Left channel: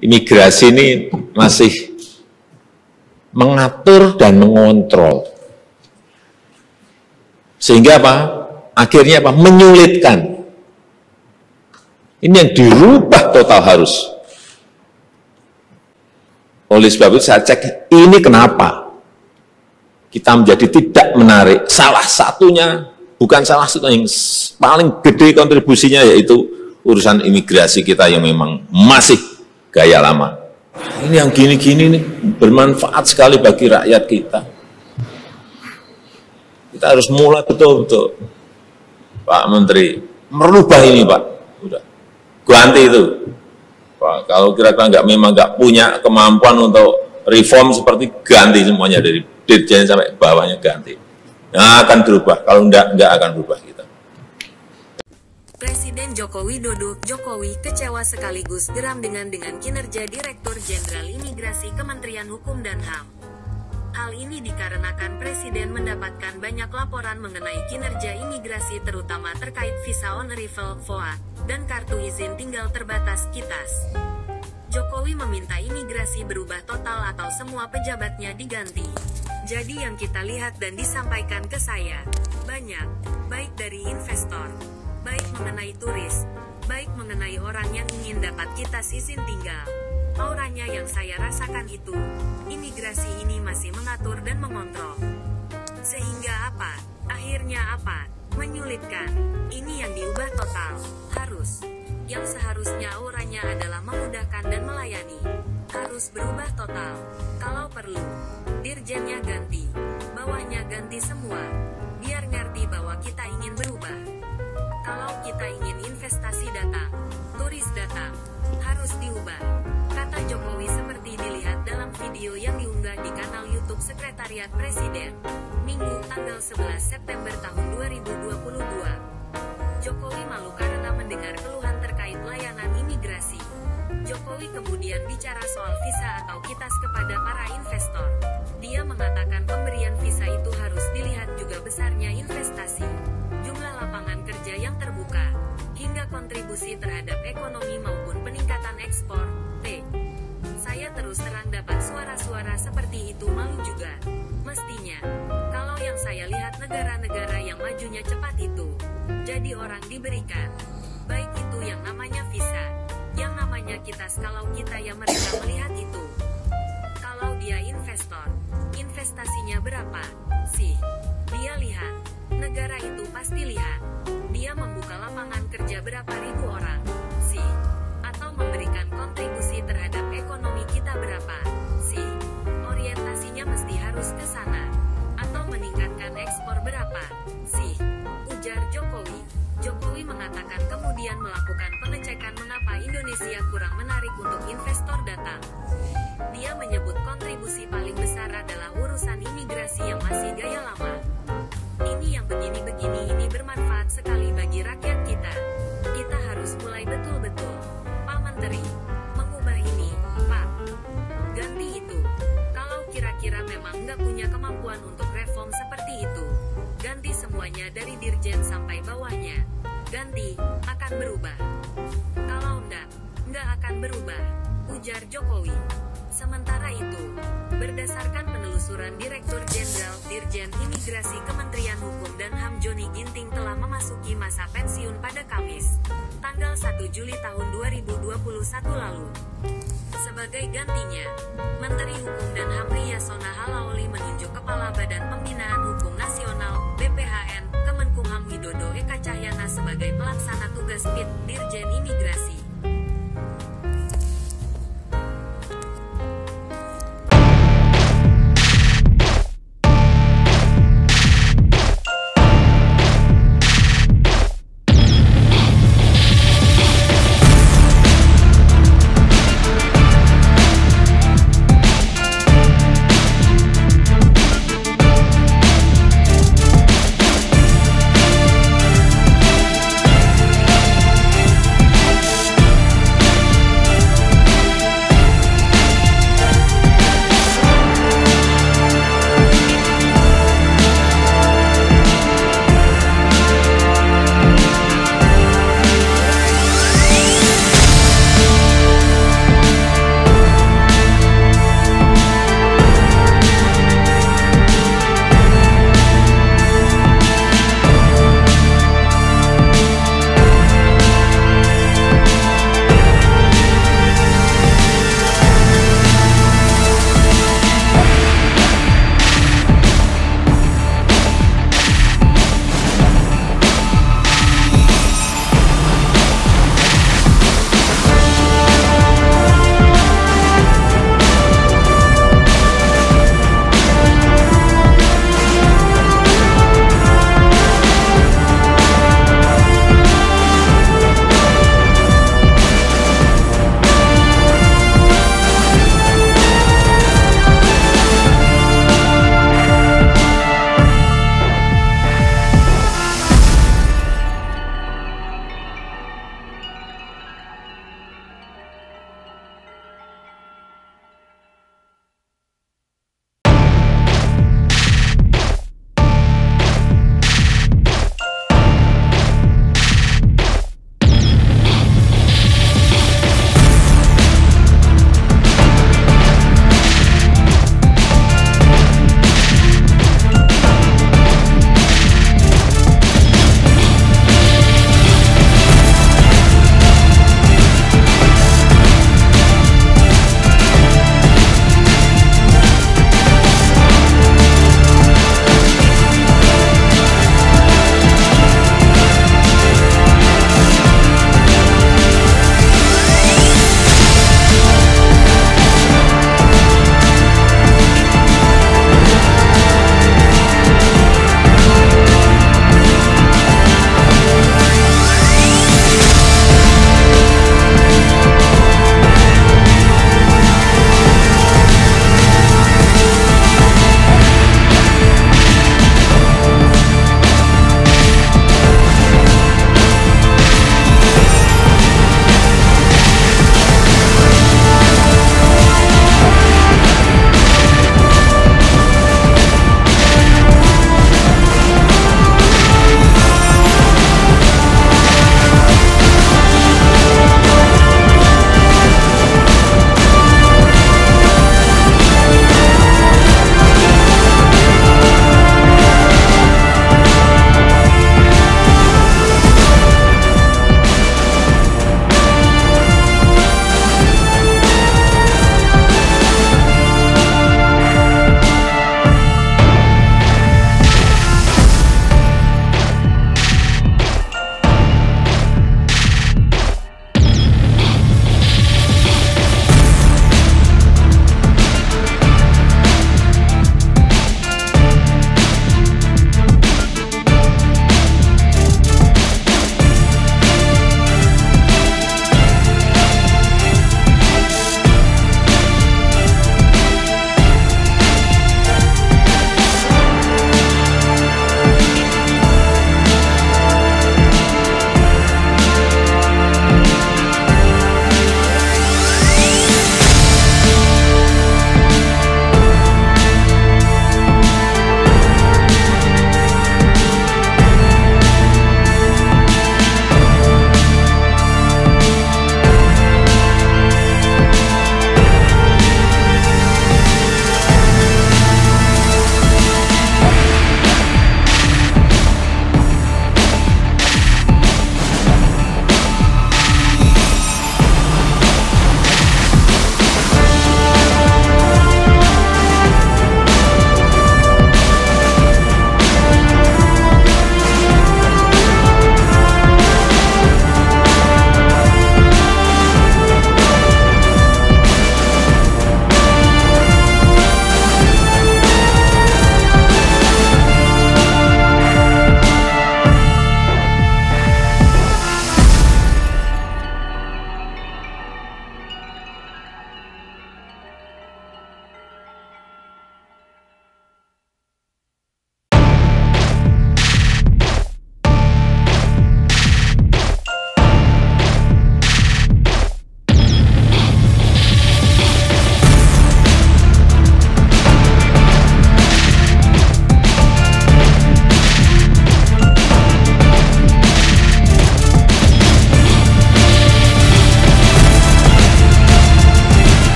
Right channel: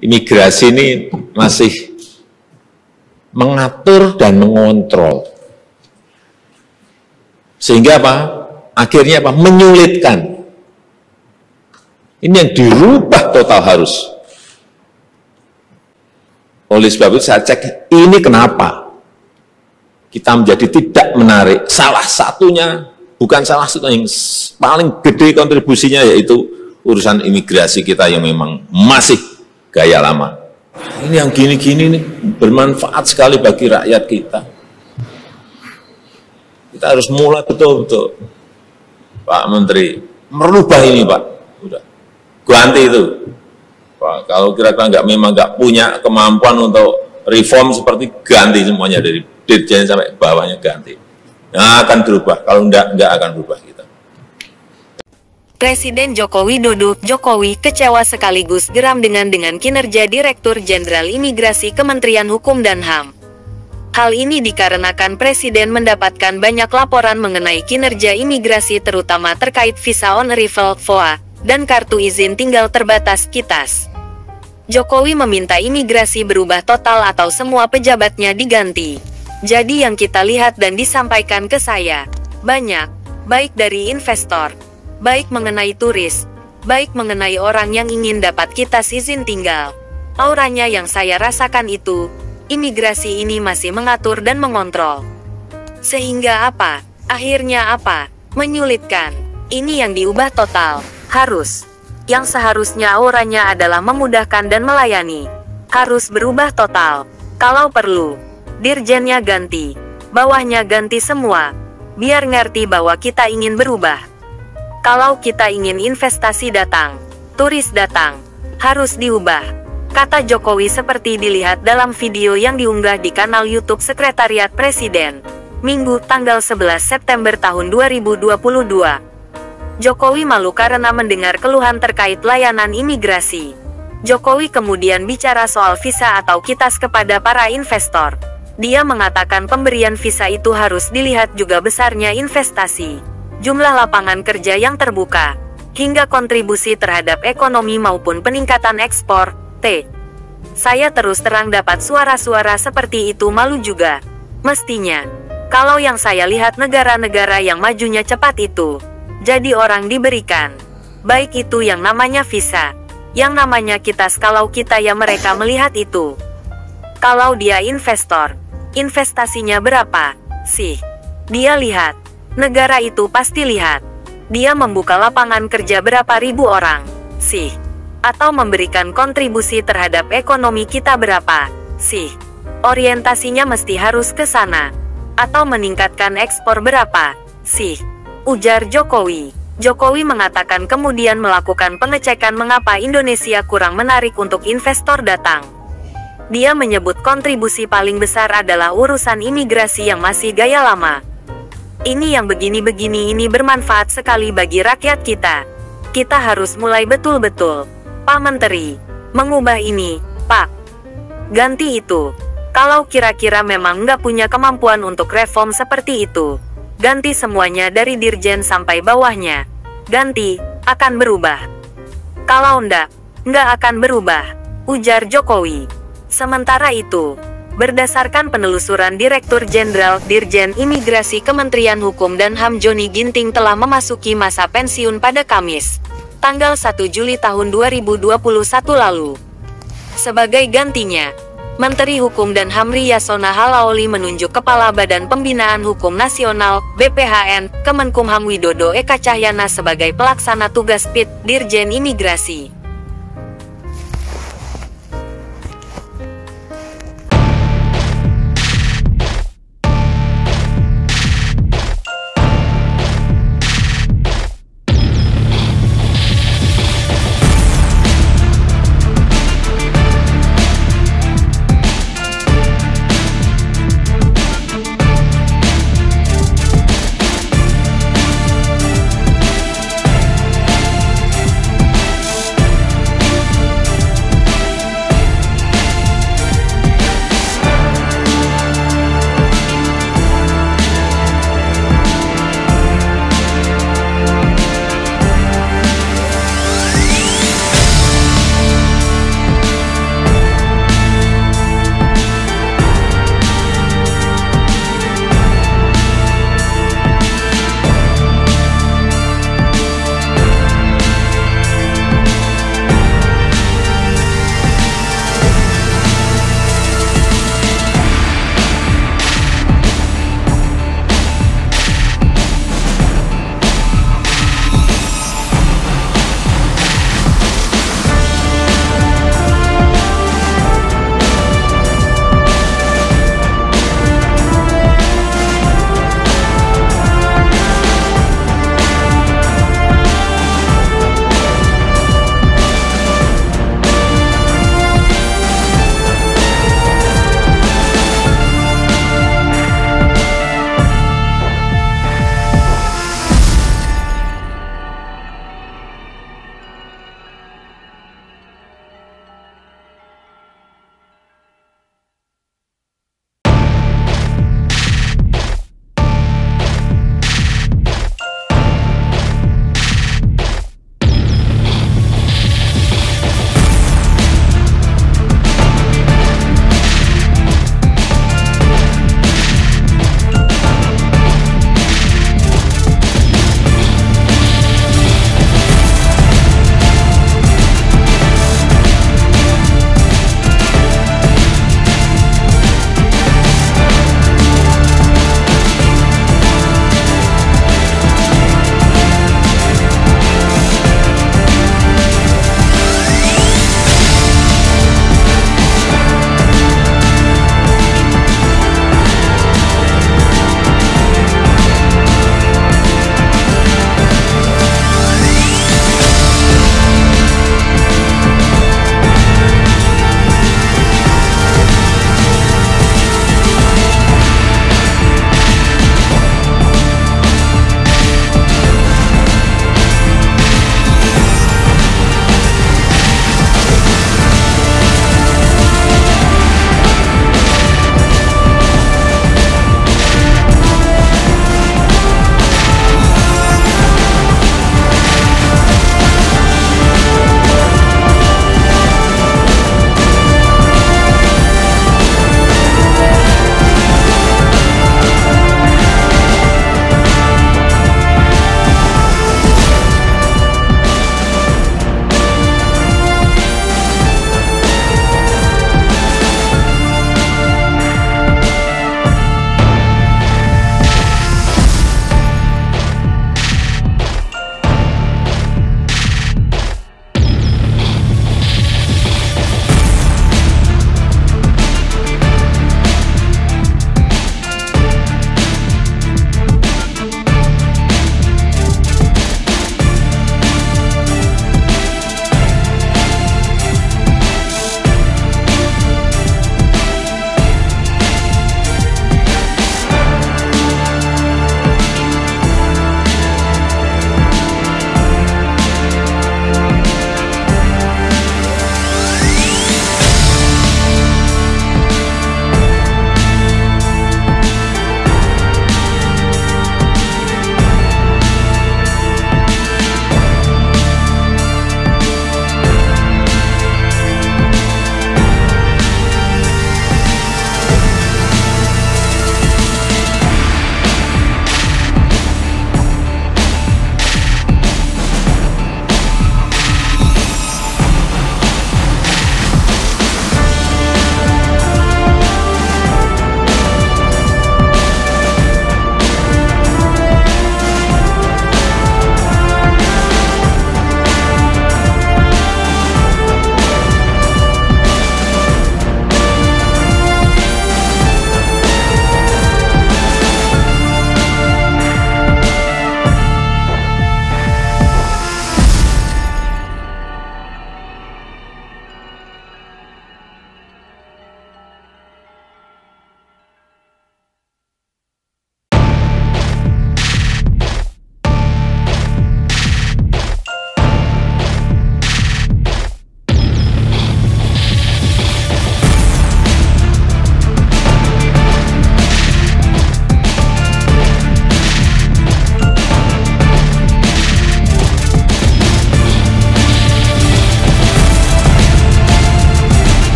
imigrasi ini masih mengatur dan mengontrol. Sehingga apa? Akhirnya apa? Menyulitkan. Ini yang dirubah total harus. Oleh sebab itu saya cek, ini kenapa kita menjadi tidak menarik. Salah satunya, bukan salah satu yang paling gede kontribusinya yaitu urusan imigrasi kita yang memang masih gaya lama. Ini yang gini-gini nih bermanfaat sekali bagi rakyat kita. Kita harus mulai betul-betul, Pak Menteri, merubah ini Pak. Udah, ganti itu. Pak, kalau kira-kira memang nggak punya kemampuan untuk reform seperti ganti semuanya dari dirjen sampai bawahnya ganti. Yang akan berubah, kalau nggak akan berubah kita. Presiden Joko Widodo, Jokowi kecewa sekaligus geram dengan kinerja Direktur Jenderal Imigrasi Kementerian Hukum dan HAM. Hal ini dikarenakan Presiden mendapatkan banyak laporan mengenai kinerja imigrasi terutama terkait visa on arrival (VOA) dan kartu izin tinggal terbatas (KITAS). Jokowi meminta imigrasi berubah total atau semua pejabatnya diganti. Jadi yang kita lihat dan disampaikan ke saya, banyak, baik dari investor, baik mengenai turis, baik mengenai orang yang ingin dapat KITAS izin tinggal. Auranya yang saya rasakan itu, imigrasi ini masih mengatur dan mengontrol. Sehingga apa? Akhirnya apa? Menyulitkan. Ini yang diubah total. Harus. Yang seharusnya auranya adalah memudahkan dan melayani. Harus berubah total. Kalau perlu, dirjennya ganti, bawahnya ganti semua. Biar ngerti bahwa kita ingin berubah. Kalau kita ingin investasi datang, turis datang, harus diubah. Kata Jokowi seperti dilihat dalam video yang diunggah di kanal YouTube Sekretariat Presiden, Minggu tanggal 11 September tahun 2022. Jokowi malu karena mendengar keluhan terkait layanan imigrasi. Jokowi kemudian bicara soal visa atau KITAS kepada para investor. Dia mengatakan pemberian visa itu harus dilihat juga besarnya investasi, jumlah lapangan kerja yang terbuka, hingga kontribusi terhadap ekonomi maupun peningkatan ekspor. Saya terus terang dapat suara-suara seperti itu malu juga. Mestinya, kalau yang saya lihat negara-negara yang majunya cepat itu, jadi orang diberikan, baik itu yang namanya visa, yang namanya KITAS kalau kita ya mereka melihat itu. Kalau dia investor, investasinya berapa sih? Dia lihat, negara itu pasti lihat. Dia membuka lapangan kerja berapa ribu orang sih? Atau memberikan kontribusi terhadap ekonomi kita berapa sih? Orientasinya mesti harus ke sana. Atau meningkatkan ekspor berapa sih? Ujar Jokowi. Jokowi mengatakan kemudian melakukan pengecekan mengapa Indonesia kurang menarik untuk investor datang. Dia menyebut kontribusi paling besar adalah urusan imigrasi yang masih gaya lama. Ini yang begini-begini ini bermanfaat sekali bagi rakyat kita. Kita harus mulai betul-betul, Pak Menteri, mengubah ini, Pak. Ganti itu. Kalau kira-kira memang nggak punya kemampuan untuk reform seperti itu, ganti semuanya dari dirjen sampai bawahnya. Ganti, akan berubah. Kalau nggak akan berubah, ujar Jokowi. Sementara itu, berdasarkan penelusuran Direktur Jenderal Dirjen Imigrasi Kementerian Hukum dan HAM Joni Ginting telah memasuki masa pensiun pada Kamis, tanggal 1 Juli tahun 2021 lalu. Sebagai gantinya, Menteri Hukum dan HAM Yasona Halaoli menunjuk Kepala Badan Pembinaan Hukum Nasional (BPHN) Kemenkumham Widodo Eka Cahyana sebagai pelaksana tugas PIT Dirjen Imigrasi.